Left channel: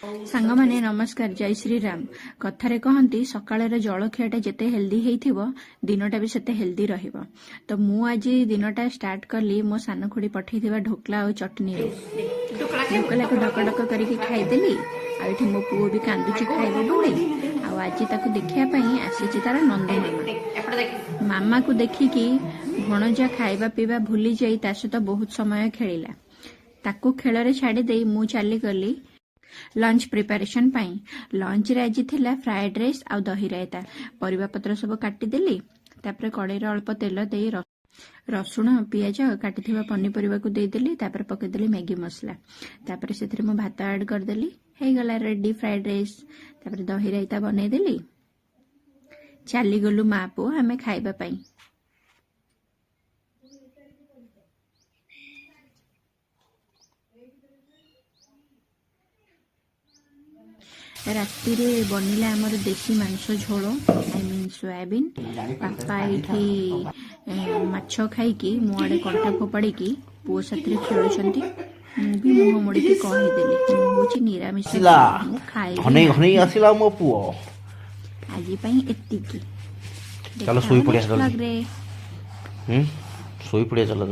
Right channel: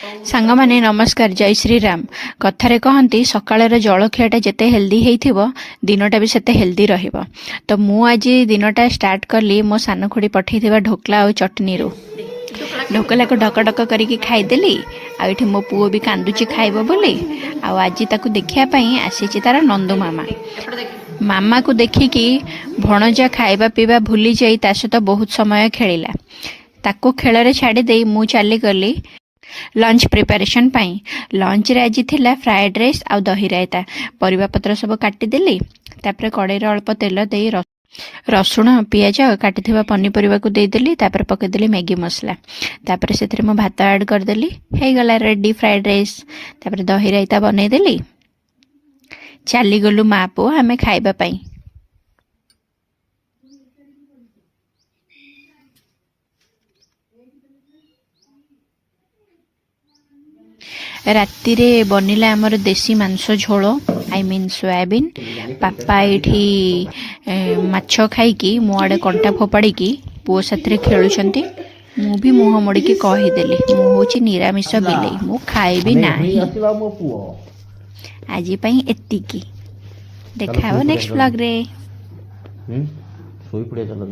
सांग माने नमस्कार जय श्री राम। कथारे कहती सकाळर जलखियाटा जेते हेल्दी हेइथिबो दिनटा भी सेते हेल्दी रहिबो। तो मु आज दिनटा स्टार्ट कली मो सान खुड़ी पठेइथिबा ढोकला और चटनी रो। ढोकला को ढक ढक करिकी खाइदेली। आ एठी मो पुओ भी कांदुची खाइबो बोली। आ आज ताकू देखिया पई आसीची तार नंदू मामा। मामा को देखिकी भणजा खाइबा पीबा भूली जाई ता सहित बहुत समय खेलिला। ताको खेलरे छाड़ी देई मु चली गली लंच प्रिपरेशन पाई। लंच रे आज थिला फ्राइड राइस आ दही रायता। परिबा पत्र सब काटिदेली। तापर कड़े अल्प तेल दे रसुण पियाज काटिथिबा पनीपरिबा को देदेली। तापर पकेदेली मैगी मसला। तापर सेथरे मो भात ऐड करदेली। हे गला रेडी फ्राइड राइस। तापर दही रायता बनेदेली। चली गलु मा पो हमें खाइबा पाई। राति रे बनिला आमर देसी मांस झोल आई मीन सोयाबीन। पापा ये माछ खाई मो आड़े कंटा फोपाड़ी पुओ साथ खेलुंट। मु भी मुह मोड़ी कहीदेली मु हूँ निरामिष बिले मु खाइबी ना। आज एतिकी देखा नेक्स्ट ब्लॉग रे। सोई पड़िया चला